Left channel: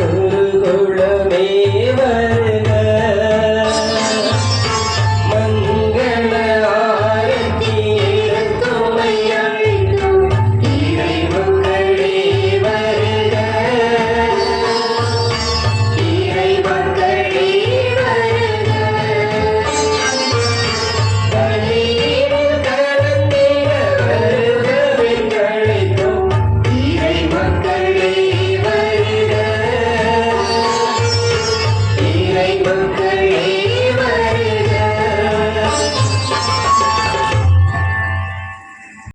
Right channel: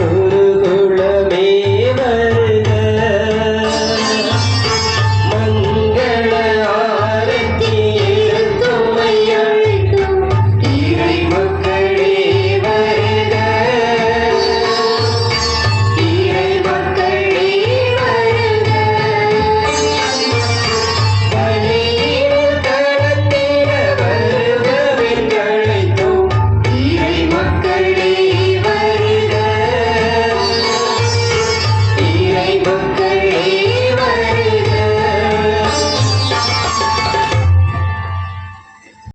Oh.